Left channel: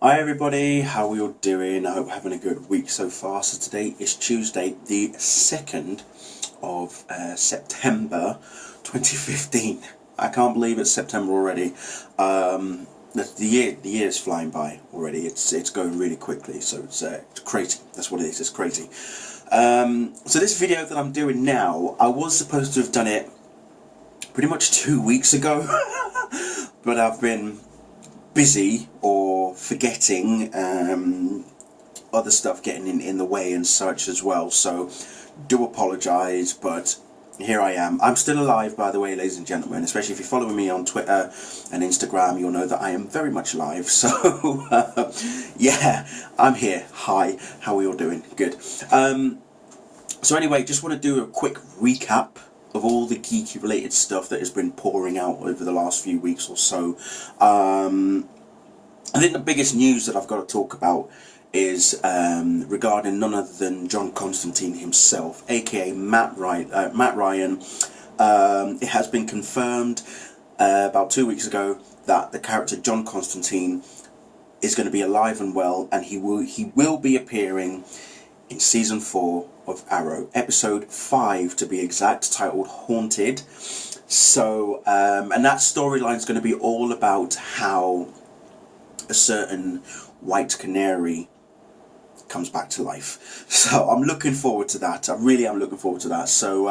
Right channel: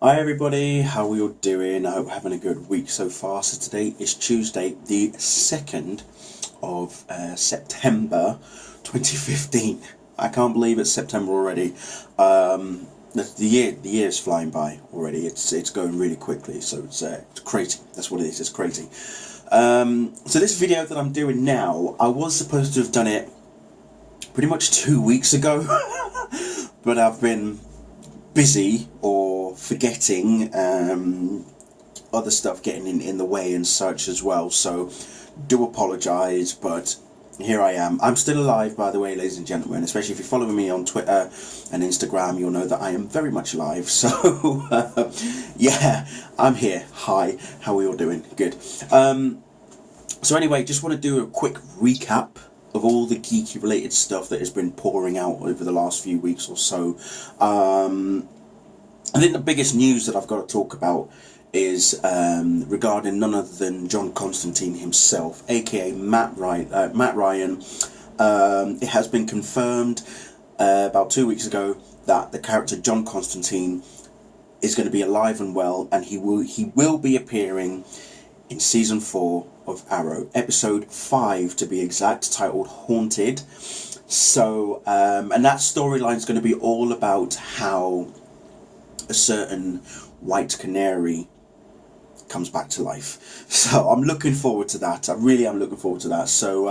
Hi everybody, how are you all doing? I hope you're having a good week so far. So today is Tuesday, the 2nd of September 2015. I can't believe it's September already. The year is flying by already. It's going really quickly, so it's crazy. That's what it is. It's crazy. So this video that I'm doing now, I was supposed to have done it pretty much 2 weeks ago, but I've been busy or forgetting, other stuff getting in the way and such as well, so do apologise, but here I am. I'm still alive, by the way, ladies and gentlemen. Especially if you're following me on Twitter and Instagram, you'll know that I am very much alive. So yeah, I'm here. Hi, how are you all doing? Good. So anyway, just want to do a quick recap of all the geeky related stuff that has been pouring out over the last few weeks or so. I think the biggest news that I've got to talk about is regarding none other than John Constantine himself, aka Matt Ryan. It has been confirmed about 2 weeks ago that the character John Constantine is going to be alive and well, and he will be appearing in season 4 of Arrow, episode 5 to be exact, titled Haunted. So, and that storyline is going to be all about how a certain white canary comes back to life. So I'm looking forward to that. I really am looking forward to that. So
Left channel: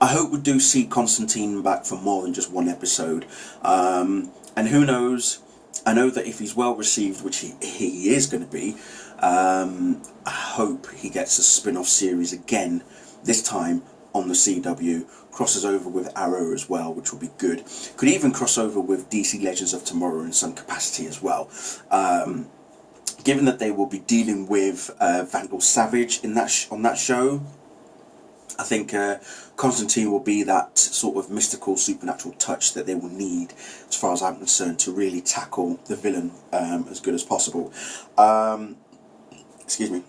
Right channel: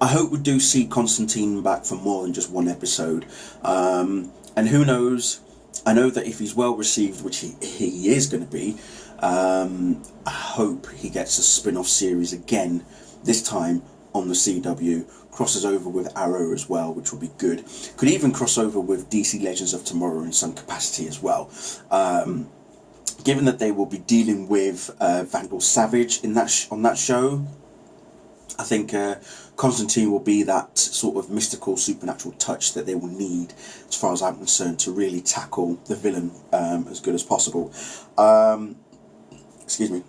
I hope we do see Constantine back for more than just one episode. And who knows, I know that if he's well received, which he is going to be, I hope he gets a spin-off series again, this time on the CW, crosses over with Arrow as well, which will be good. Could even cross over with DC Legends of Tomorrow in some capacity as well. Given that they will be dealing with Vandal Savage in on that show, I think Constantine will be that sort of mystical, supernatural touch that they will need, as far as I'm concerned, to really tackle the villain as good as possible. Excuse me.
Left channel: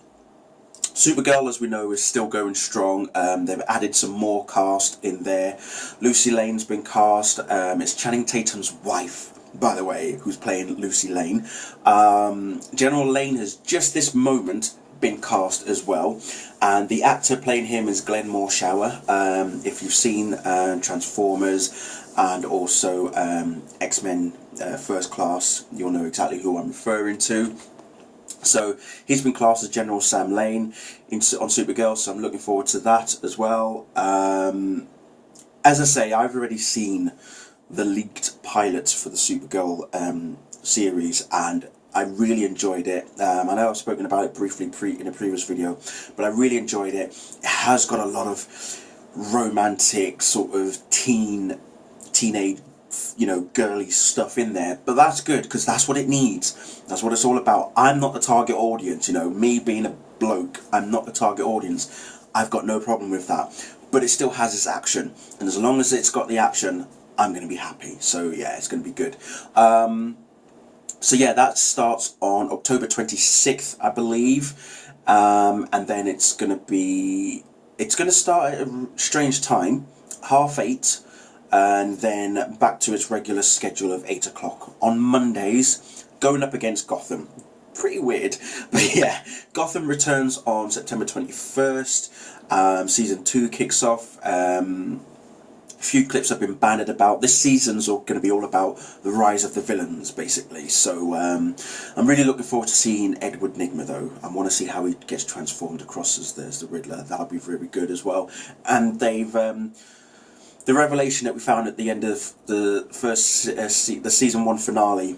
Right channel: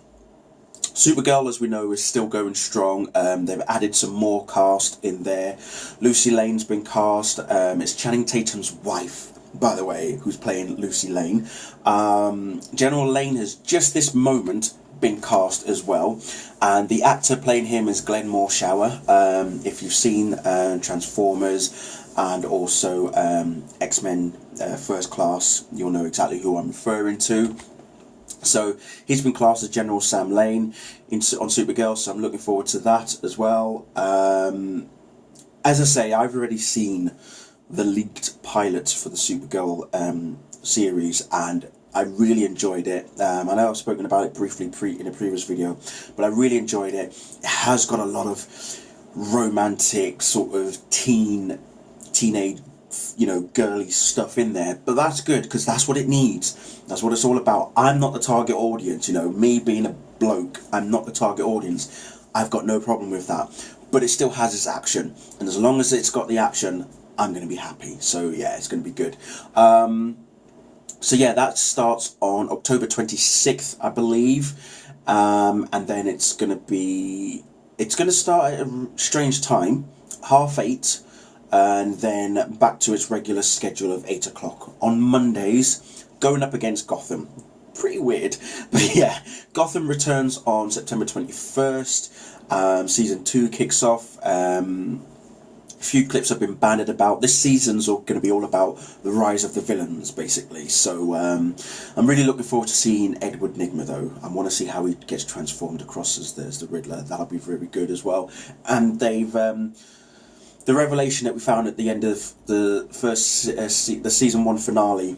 Supergirl, as we know, is still going strong. They've added some more cast in there. Lucy Lane's been cast. It's Channing Tatum's wife, by the way, who's playing Lucy Lane. General Lane has just this moment been cast as well, and the actor playing him is Glenn Morshower. If you've seen Transformers and also X-Men First Class, you'll know exactly who I'm referring to. So he's been classed as General Sam Lane on Supergirl, so I'm looking forward to that as well. As I say, I've already seen the leaked pilots for the Supergirl series, and I really enjoyed it. I know I've spoken about it briefly in a previous video, but I really enjoyed it. It has got a lot of romantic, sort of teenage, girly stuff in there, but that's good because that's what it needs. That's what it's all about. I'm not the target audience, me being a bloke, I'm not the target audience. I've got no problem with that, but it still has its action, and as long as it's got the action, I'm going to be happy. So yeah, it's going to be good. So yeah, that starts on October 26th, I believe, and then it's going to start at a strange time, 8:30, and then back to its regular schedule of 8 o'clock on Mondays, going up against Gotham. Pretty weird, but yeah, Gotham returns on September 21st. Season 2 kicks off. A few clips have been banded about. This season's going to be all about the rise of the villains, basically. So I'm really looking forward to seeing Edward Nygma, though. I want to see how he gets transformed across as the Riddler. That'll be very good as well. And they've the revelation that we found at the end of the first the season 1 finale,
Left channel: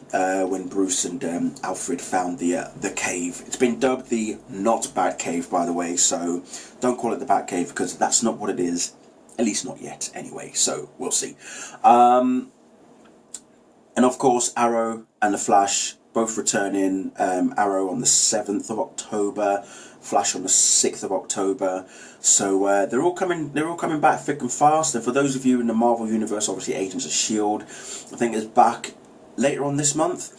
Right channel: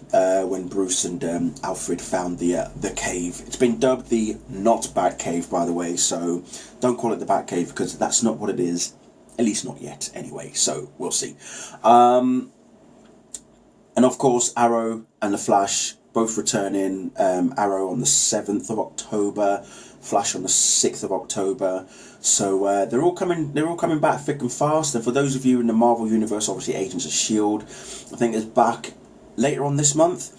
when Bruce and Alfred found the cave. It's been dubbed the not Batcave, by the way. So don't call it the Batcave, because that's not what it is. At least not yet, anyway, so we'll see. And of course, Arrow and The Flash both returning. Arrow on the 7th of October, Flash on the 6th of October. So they're all coming back thick and fast. And for those of you in the Marvel Universe, obviously Agents of S.H.I.E.L.D., I think is back later on this month.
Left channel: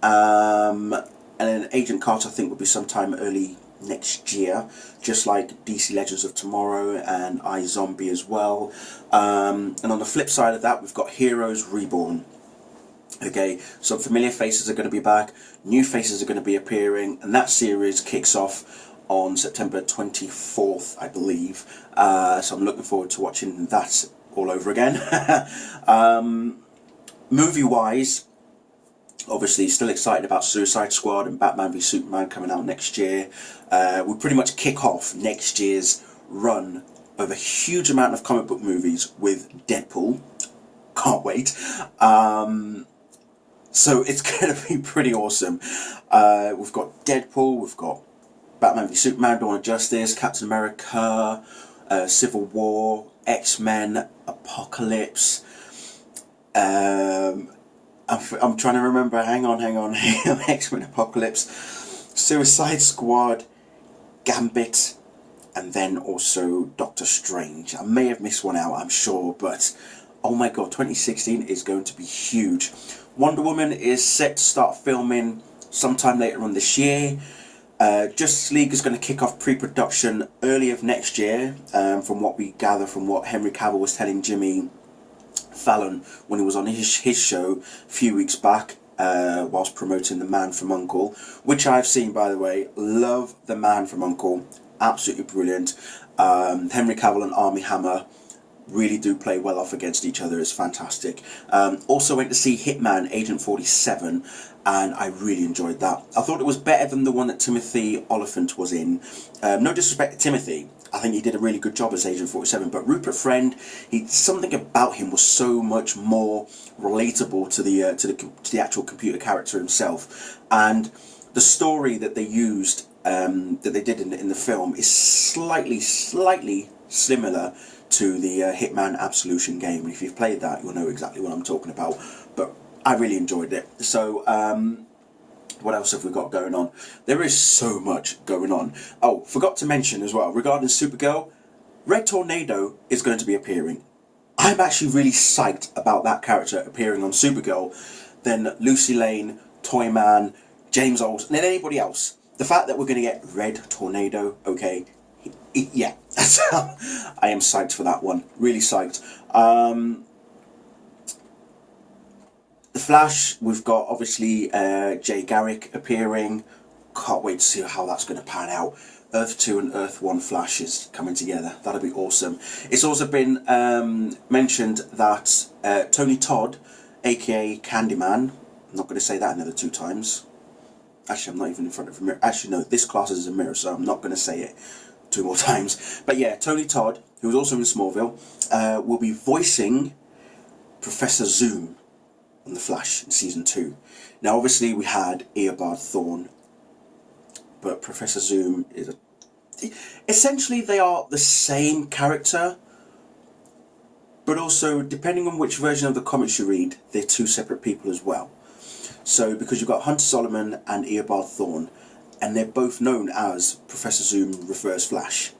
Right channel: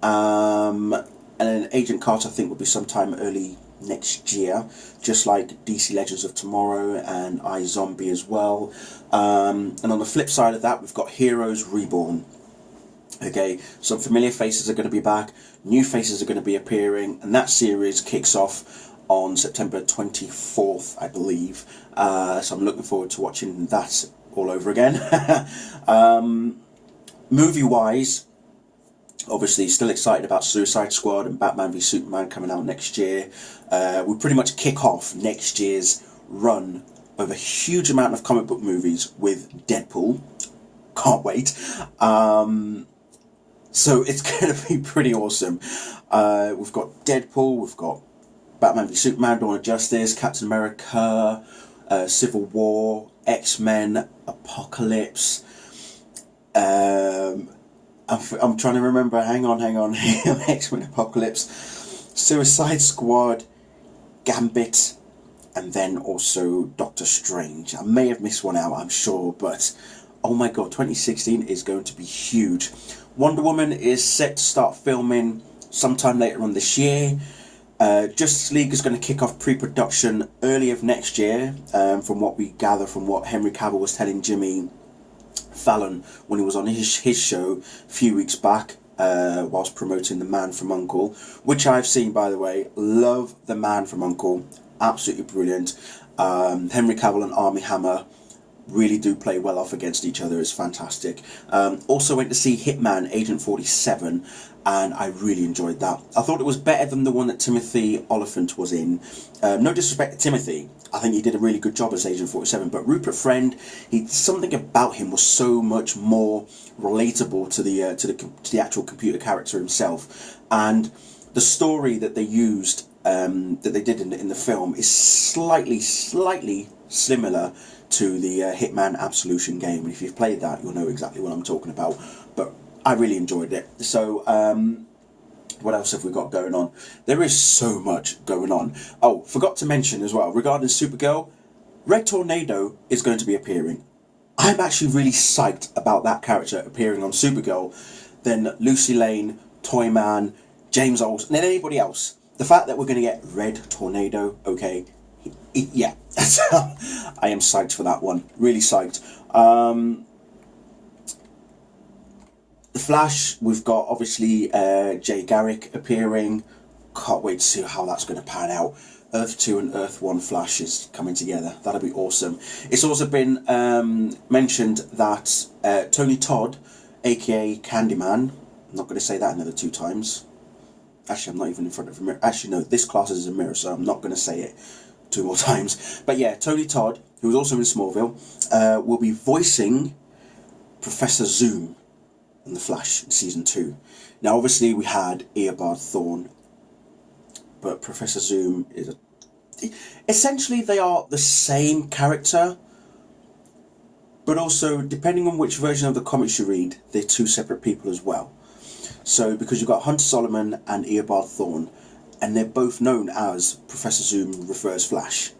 And then Agent Carter, I think, will be sometime early next year, just like DC Legends of Tomorrow and iZombie as well. And on the flip side of that, we've got Heroes Reborn. Okay, some familiar faces are going to be back, new faces are going to be appearing, and that series kicks off on September 24th, I believe. So I'm looking forward to watching that all over again. Movie wise, obviously still excited about Suicide Squad and Batman v Superman coming out next year. We pretty much kick off next year's run of a huge amount of comic book movies with Deadpool. Can't wait. So it's going to be pretty awesome. We've got Deadpool, we've got Batman v Superman, Dawn of Justice, Captain America, Civil War, X-Men, Apocalypse. I'm trying to remember. Hang on. X-Men, Apocalypse, Suicide Squad, Gambit, and then also Doctor Strange. I may have missed one out, I'm sure, but oh my god, 2016 is going to be huge. Wonder Woman is set to start filming sometime later on this year. Justice League is going to kick off pre-production early of next year, from what we gather from what Henry Cavill was telling Jimmy Fallon when he was on his show a few weeks back, whilst promoting The Man from U.N.C.L.E., which I've seen, by the way. Love The Man from U.N.C.L.E., absolutely brilliant. Henry Cavill and Armie Hammer really do play well off against each other. It's fantastic. Also went to see Hitman Agent 47, and I really enjoyed that. I thought it was better than the one that Timothy Olyphant was in. No disrespect to Timothy, I think he did a really good job as Agent 47, but Rupert Friend, something about him was so much more relatable to the actual computer character himself, and the story that they used, that they did in the film, is slightly similar to the Hitman Absolution game. And if you've played that, you'll know exactly what I'm talking about. But I really enjoyed it. So, what else have we got going on? There is so much going on. Oh, forgot to mention as well, regarding Supergirl, Red Tornado is going to be appearing. I'm actually really psyched about that character appearing on Supergirl than Lucy Lane, Toyman, James Olsen, and anybody else. The fact that we're going to get Red Tornado, okay, yeah, I am psyched for that one. Really psyched. The Flash, we've got obviously Jay Garrick appearing. Can't wait to see how that's going to pan out. Earth 2 and Earth 1 Flash is coming together. That'll be awesome. It's also been mentioned that Tony Todd, aka Candyman, I'm not going to say that another 2 times. Actually, I'm not even in front of a mirror. Actually, no, this class is a mirror, so I'm not going to say it 2 more times. But yeah, Tony Todd, who was also in Smallville, will be voicing Professor Zoom on The Flash in season 2. Now, obviously, we had Eobard Thawne, but Professor Zoom is essentially they are the same character, but also depending on which version of the comics you read, they're 2 separate people as well. So because you've got Hunter Solomon and Eobard Thawne, and they're both known as Professor Zoom Reverse Flash.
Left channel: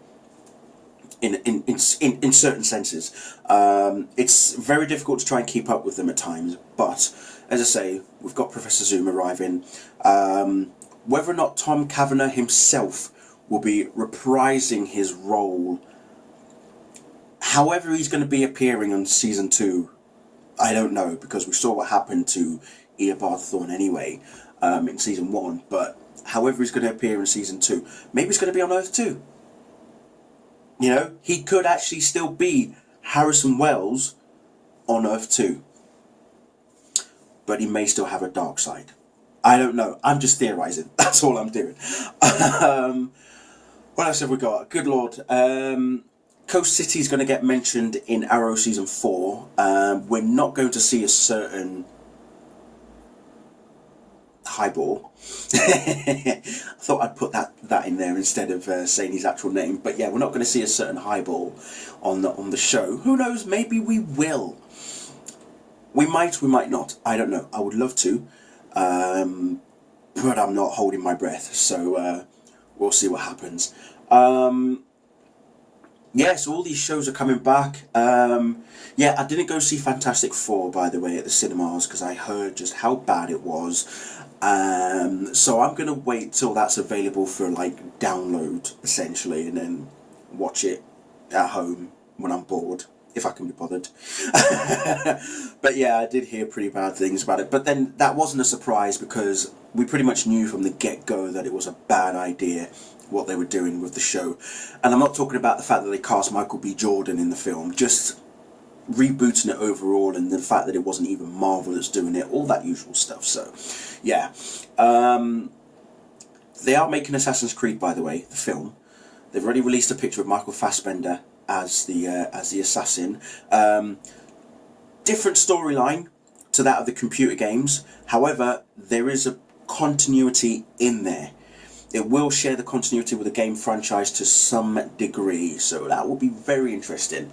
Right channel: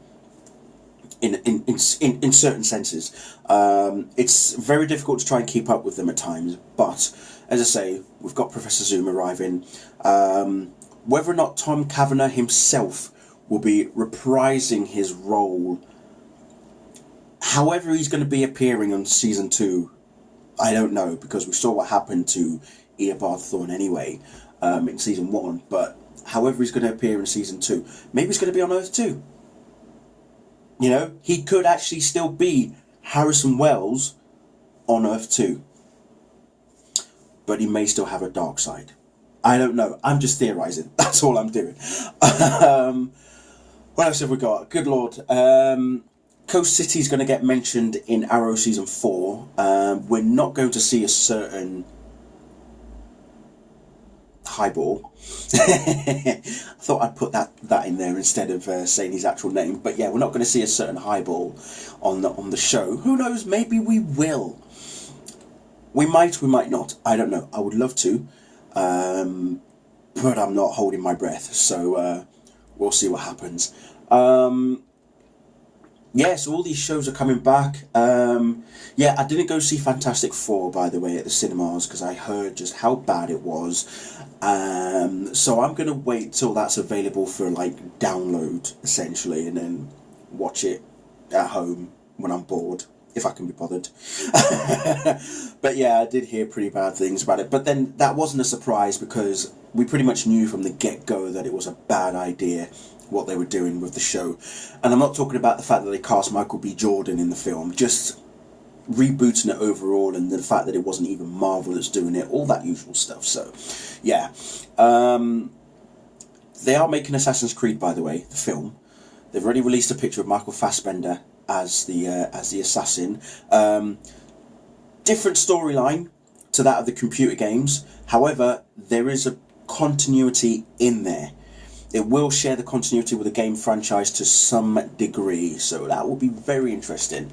In certain senses, it's very difficult to try and keep up with them at times. But as I say, we've got Professor Zoom arriving. Whether or not Tom Cavanagh himself will be reprising his role, however he's going to be appearing on season 2, I don't know, because we saw what happened to Eobard Thawne anyway, in season 1. But however he's going to appear in season 2, maybe he's going to be on Earth 2. You know, he could actually still be Harrison Wells on Earth 2. But he may still have a dark side. I don't know. I'm just theorising. That's all I'm doing. What else have we got? Good Lord. Coast City is going to get mentioned in Arrow Season 4. We're not going to see a certain highball. I thought I'd put that in there instead of saying his actual name. But yeah, we're not going to see a certain highball on the show. Who knows? Maybe we will. We might not. I don't know. I would love to, but I'm not holding my breath. So we'll see what happens. Yeah, so all these shows are coming back. Yeah, I didn't go see Fantastic Four, by the way, at the cinemas because I heard just how bad it was. So I'm going to wait till that's available for download, essentially, and then watch it at home when I'm bored. if I can be bothered. But yeah, I did hear pretty bad things about it. But then that wasn't a surprise because we pretty much knew from the get-go that it was a bad idea what they were doing with the show. And I'm not talking about the fact that they cast Michael B. Jordan in the film, just rebooting it overall, and the fact that it wasn't even Marvel that's doing it, all that usual stuff. So yeah, they are making Assassin's Creed, by the way, the film. They've already released a picture of Michael Fassbender as the assassin. Different storyline to that of the computer games. However, there is a continuity in there. It will share the continuity with the game franchise to some degree, so that will be very interesting.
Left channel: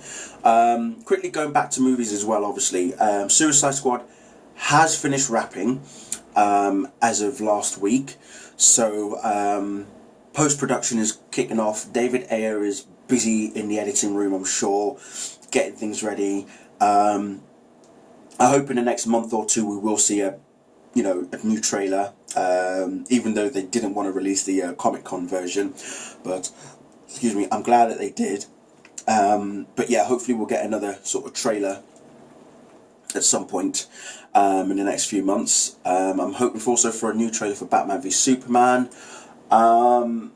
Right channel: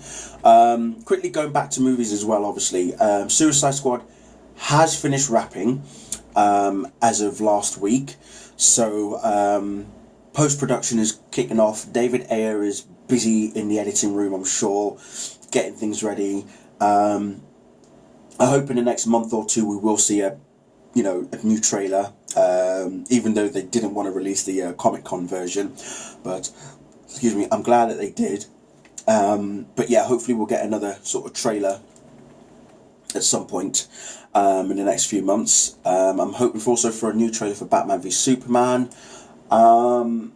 Quickly going back to movies as well, obviously. Suicide Squad has finished wrapping as of last week, so post-production is kicking off. David Ayer is busy in the editing room, I'm sure, getting things ready. I hope in the next month or two we will see a new trailer, even though they didn't want to release the Comic-Con version, but excuse me, I'm glad that they did. But yeah, hopefully we'll get another sort of trailer at some point in the next few months. I'm hoping also for a new trailer for Batman v Superman. And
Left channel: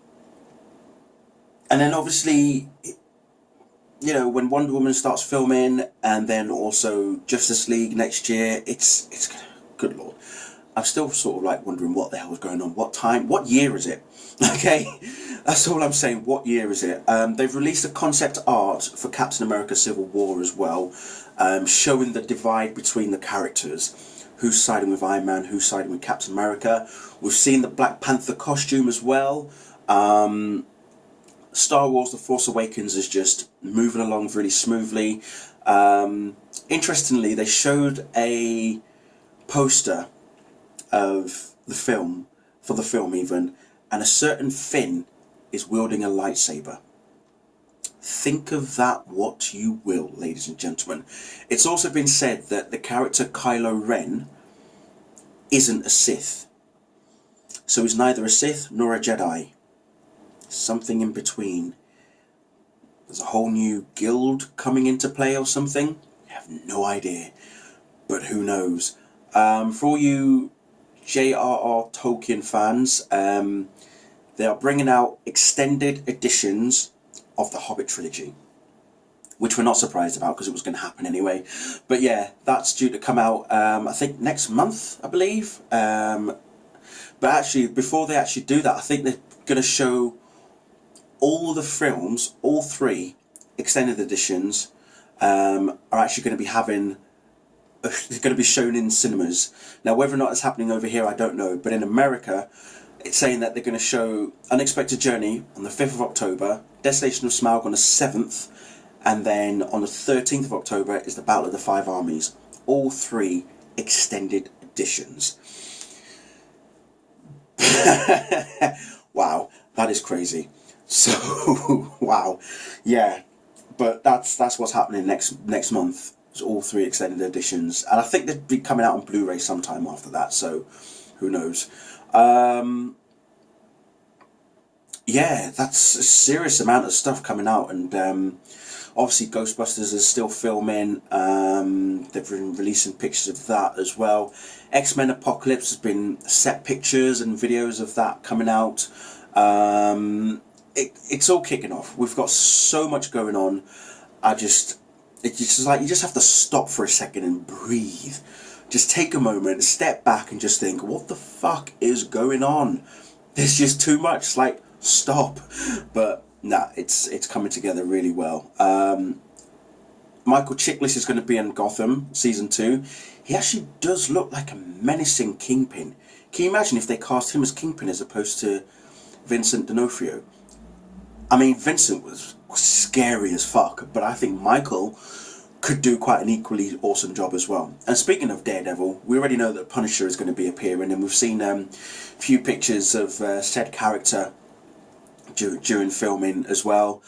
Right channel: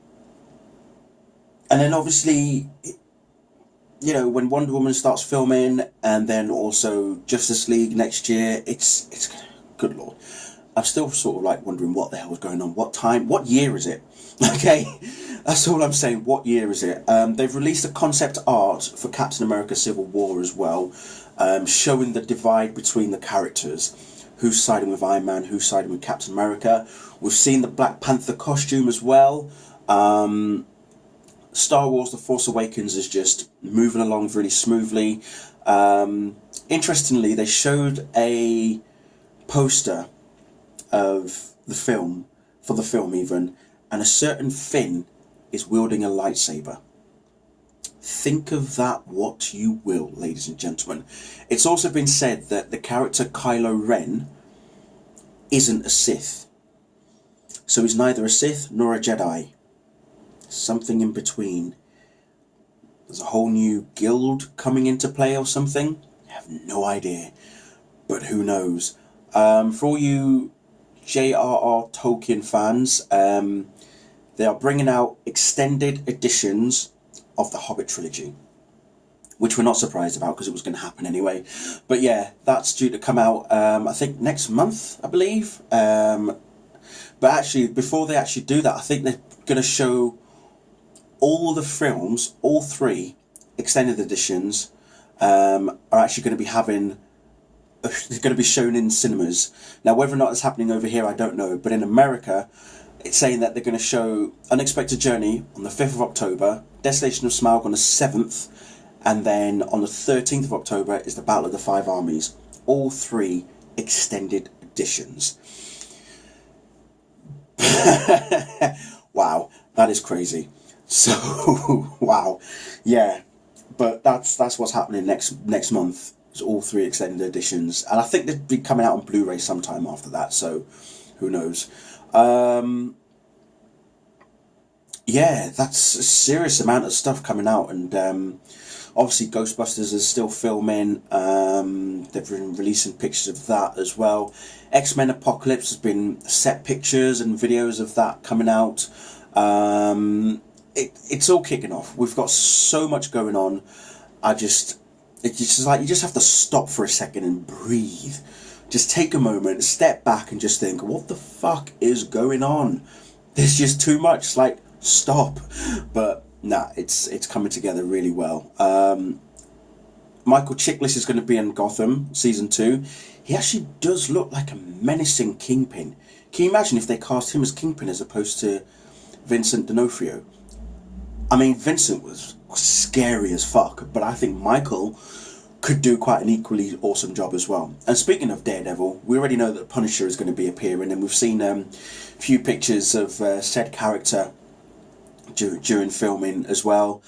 then obviously, when Wonder Woman starts filming, and then also Justice League next year, it's good lord. I'm still sort of like wondering what the hell is going on. What year is it? Okay, that's all I'm saying. What year is it? They've released a concept art for Captain America Civil War as well, showing the divide between the characters. Who's siding with Iron Man, who's siding with Captain America. We've seen the Black Panther costume as well. Star Wars The Force Awakens is just moving along really smoothly. Interestingly, they showed a poster of the film, for the film even, and a certain Finn is wielding a lightsaber. Think of that what you will, ladies and gentlemen. It's also been said that the character Kylo Ren isn't a Sith. So he's neither a Sith nor a Jedi. Something in between. There's a whole new guild coming into play or something. I have no idea. But who knows? For all you J.R.R. Tolkien fans, they are bringing out extended editions of the Hobbit trilogy, which we're not surprised about because it was going to happen anyway. But yeah, that's due to come out, I think, next month, I believe. But actually, before they actually do that, I think they're going to show all the films, all 3 extended editions, are actually going to be they're going to be shown in cinemas. Now, whether or not it's happening over here, I don't know. But in America, it's saying that they're going to show Unexpected Journey on the 5th of October, Desolation of Smaug on the 7th, and then on the 13th of October is the Battle of the Five Armies. All 3 extended editions. Wow, that is crazy. So, wow. Yeah, but that's what's happening next month. It's all 3 extended editions. And I think they'll be coming out on Blu-ray sometime after that, so who knows. Yeah, that's a serious amount of stuff coming out, and obviously Ghostbusters is still filming. They've been releasing pictures of that as well. X-Men Apocalypse has been set pictures and videos of that coming out. It's all kicking off. We've got so much going on. It's just like you just have to stop for a second and breathe. Just take a moment, step back, and just think, what the fuck is going on? There's just too much. Like, stop. But nah, it's coming together really well. Michael Chiklis is going to be in Gotham season 2. He actually does look like a menacing Kingpin. Can you imagine if they cast him as Kingpin as opposed to Vincent D'Onofrio? I mean, Vincent was scary as fuck, but I think Michael could do quite an equally awesome job as well. And speaking of Daredevil, we already know that Punisher is going to be appearing, and we've seen a few pictures of said character during filming as well.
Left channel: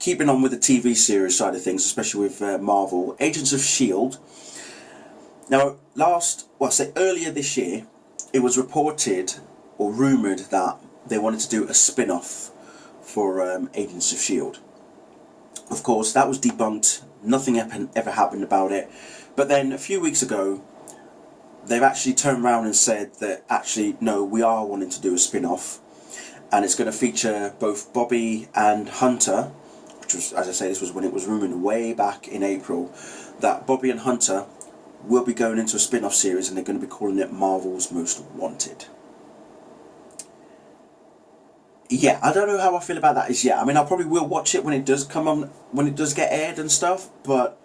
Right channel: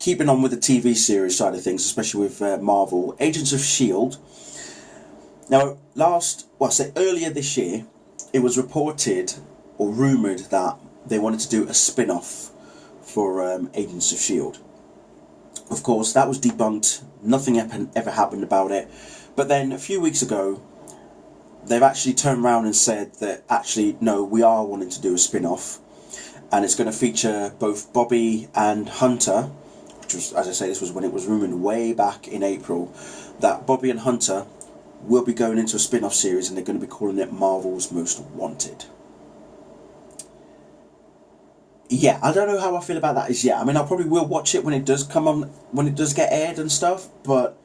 Keeping on with the TV series side of things, especially with Marvel, Agents of S.H.I.E.L.D. Now, earlier this year, it was reported or rumoured that they wanted to do a spin-off for Agents of S.H.I.E.L.D. Of course, that was debunked. Nothing ever happened about it. But then a few weeks ago, they've actually turned around and said that actually, no, we are wanting to do a spin-off. And it's going to feature both Bobby and Hunter, which was, as I say, this was when it was rumoured way back in April, that Bobby and Hunter will be going into a spin-off series and they're going to be calling it Marvel's Most Wanted. Yeah, I don't know how I feel about that as yet. I mean, I probably will watch it when it does come on, when it does get aired and stuff, but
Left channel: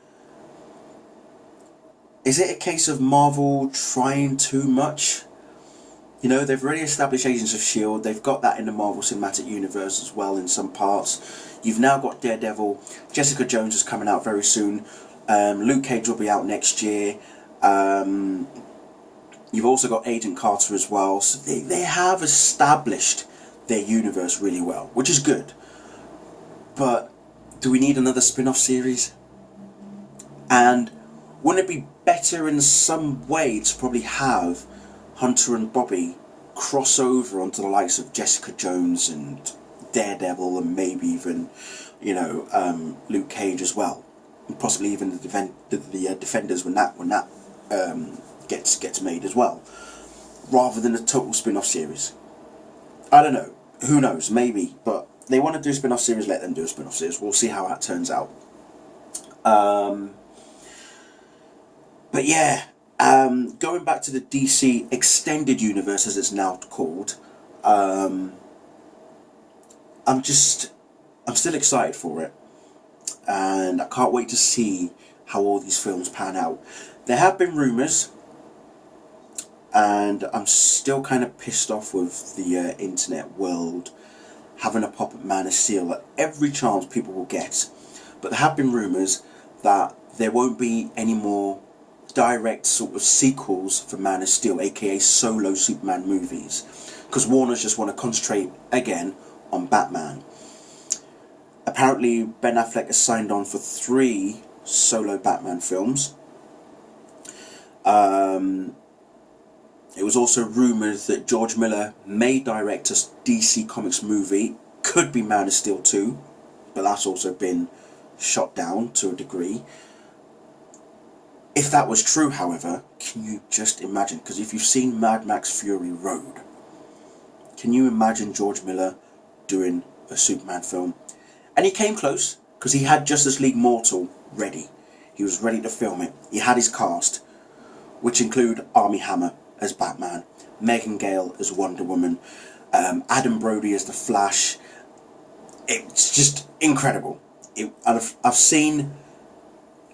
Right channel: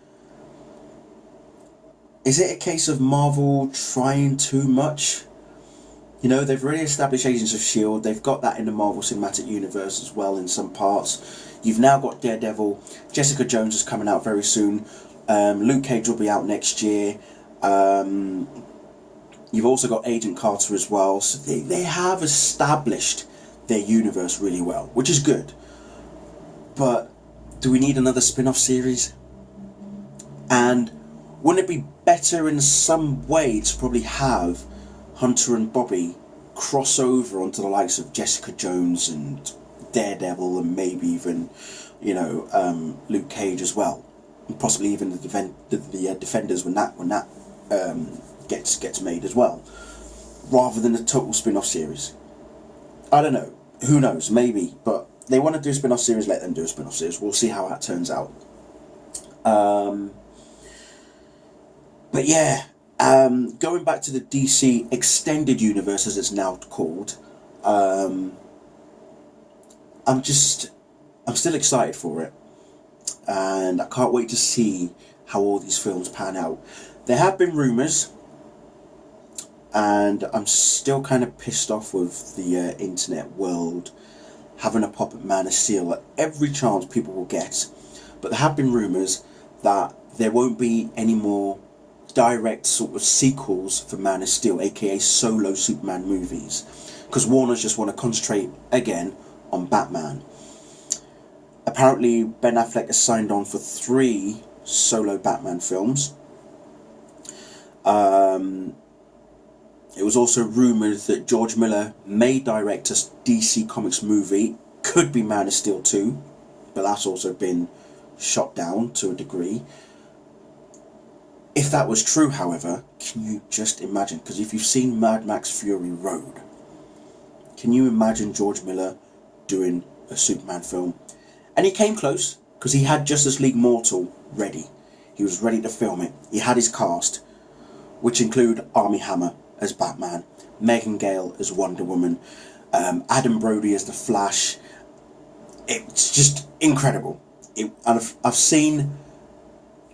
is it a case of Marvel trying too much? You know, they've already established Agents of S.H.I.E.L.D., they've got that in the Marvel Cinematic Universe as well in some parts. You've now got Daredevil, Jessica Jones is coming out very soon, Luke Cage will be out next year, you've also got Agent Carter as well, so they have established their universe really well, which is good. But do we need another spin-off series? And wouldn't it be better in some way to probably have Hunter and Bobby cross over onto the likes of Jessica Jones and Daredevil and maybe even, you know, Luke Cage as well, and possibly even the Defenders when that gets made as well, rather than a total spin-off series. I don't know. Who knows? Maybe, but they want to do a spin-off series. Let them do a spin-off series. We'll see how that turns out. But yeah, going back to the DC Extended Universe, as it's now called, I'm still excited for it, and I can't wait to see how all these films pan out. There have been rumours, and I'm still kind of pissed off with the internet world having a pop at Man of Steel at every chance people will get. But there have been rumours that there won't be any more direct sort of sequels for Man of Steel, aka solo Superman movies, because Warner's just want to concentrate again on Batman. Apparently Ben Affleck has signed on for 3 solo Batman films. It was also rumoured that George Miller may direct a DC Comics movie, could be Man of Steel 2, but that's also been shot down to a degree. If that was true, however, can you just imagine? Because if you've seen Mad Max Fury Road, can you imagine George Miller doing a Superman film? And he came close, because he had Justice League Mortal ready. He was ready to film it. He had his cast, which include Armie Hammer as Batman, Megan Gale as Wonder Woman, Adam Brody as the Flash. It's just incredible. And I've seen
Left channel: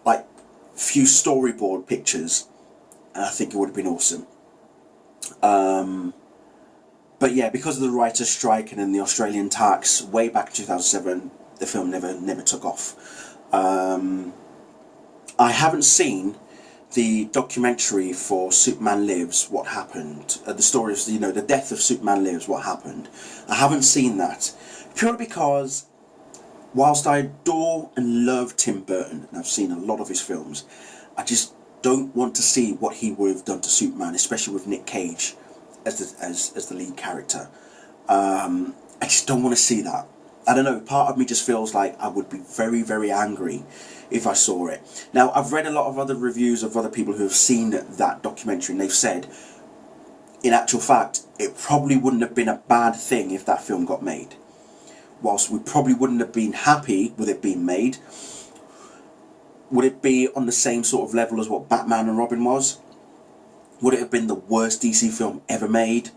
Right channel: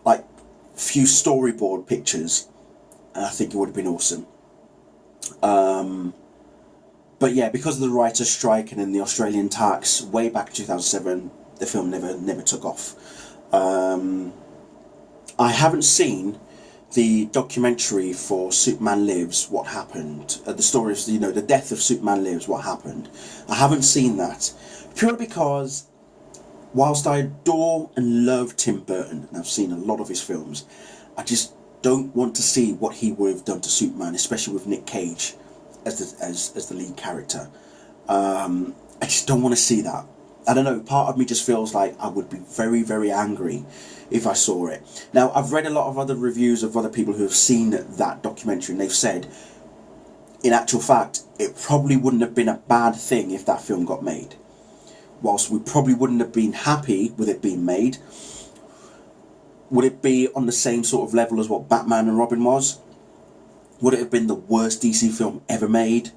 like few storyboard pictures, and I think it would have been awesome. But yeah, because of the writer's strike and then the Australian tax way back in 2007, the film never took off. I haven't seen the documentary for Superman Lives, What Happened, the story of, you know, the death of Superman Lives, What Happened. I haven't seen that, purely because whilst I adore and love Tim Burton, and I've seen a lot of his films, I just don't want to see what he would have done to Superman, especially with Nick Cage as the lead character. I just don't want to see that. I don't know, part of me just feels like I would be very, very angry if I saw it. Now, I've read a lot of other reviews of other people who have seen that documentary, and they've said, in actual fact, it probably wouldn't have been a bad thing if that film got made. Whilst we probably wouldn't have been happy with it being made, would it be on the same sort of level as what Batman and Robin was? Would it have been the worst DC film ever made?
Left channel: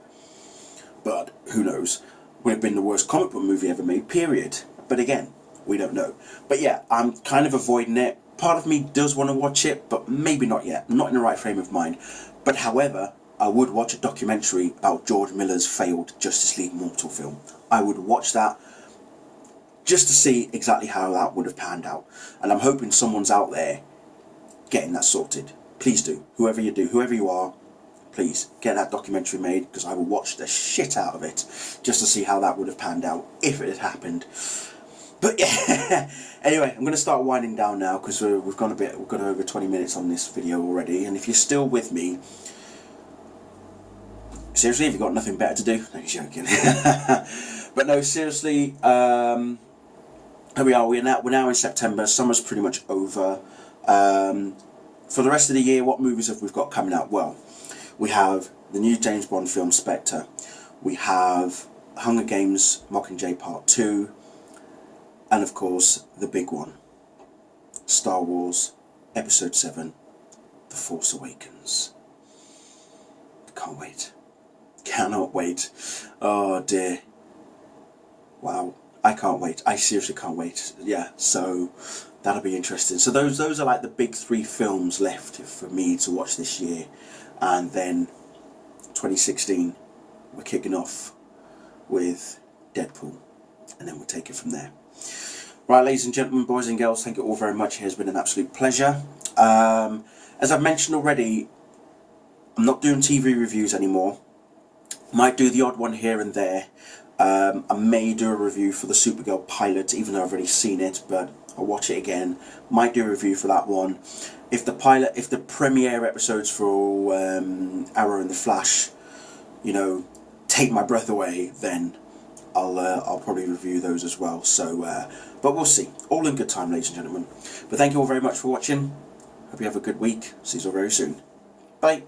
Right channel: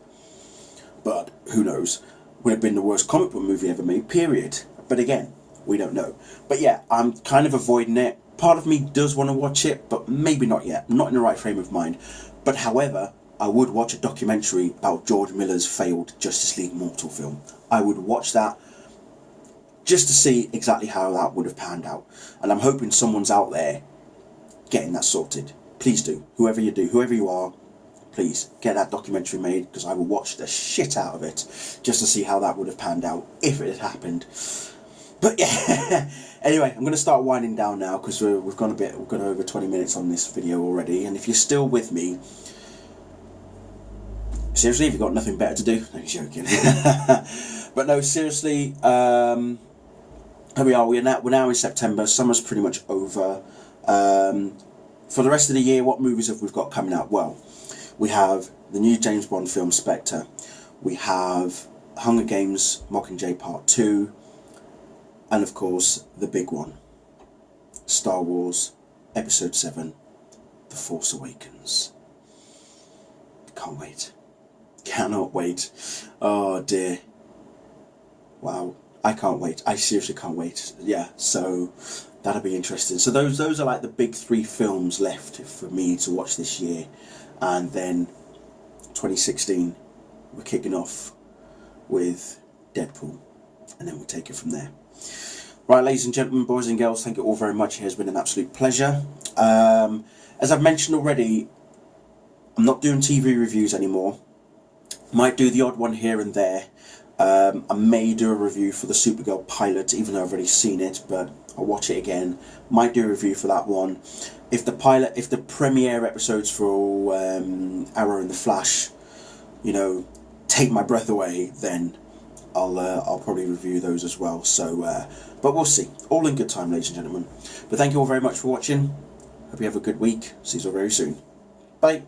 But who knows? Would it have been the worst comic book movie ever made, period? But again, we don't know. But yeah, I'm kind of avoiding it. Part of me does want to watch it, but maybe not yet. I'm not in the right frame of mind. But however, I would watch a documentary about George Miller's failed Justice League Mortal film. I would watch that just to see exactly how that would have panned out. And I'm hoping someone's out there getting that sorted. Please do. Whoever you are, please get that documentary made, because I will watch the shit out of it just to see how that would have panned out if it had happened. But yeah, anyway, I'm going to start winding down now, because we've gone over 20 minutes on this video already. And if you're still with me, seriously, if you've got nothing better to do, no, joking. But no, seriously, here we are. We're now in September. Summer's pretty much over. For the rest of the year, what movies have we got coming out? Well, we have the new James Bond film Spectre. We have Hunger Games Mockingjay Part 2. And of course, the big one, Star Wars Episode 7, The Force Awakens. Can't wait. Cannot wait. Oh dear. Wow. I can't wait. I seriously can't wait. Yeah, so that'll be interesting. So those are like the big 3 films left for me to watch this year. And then 2016, we're kicking off with Deadpool. And then we'll take it from there. Right, ladies and gentlemen, boys and girls, thank you all very much. It has been an absolute pleasure. As I've mentioned already, I'm not doing TV reviews anymore. Might do the odd one here and there. I may do a review for the Supergirl pilot, even though I've already seen it, but I'll watch it again. Might do a review for that one. If the premiere episodes for Arrow and the Flash, take my breath away, then I'll probably review those as well. So, but we'll see. All in good time, ladies and gentlemen. But thank you all very much for watching. Hope you have a good week. See you all very soon. Bye.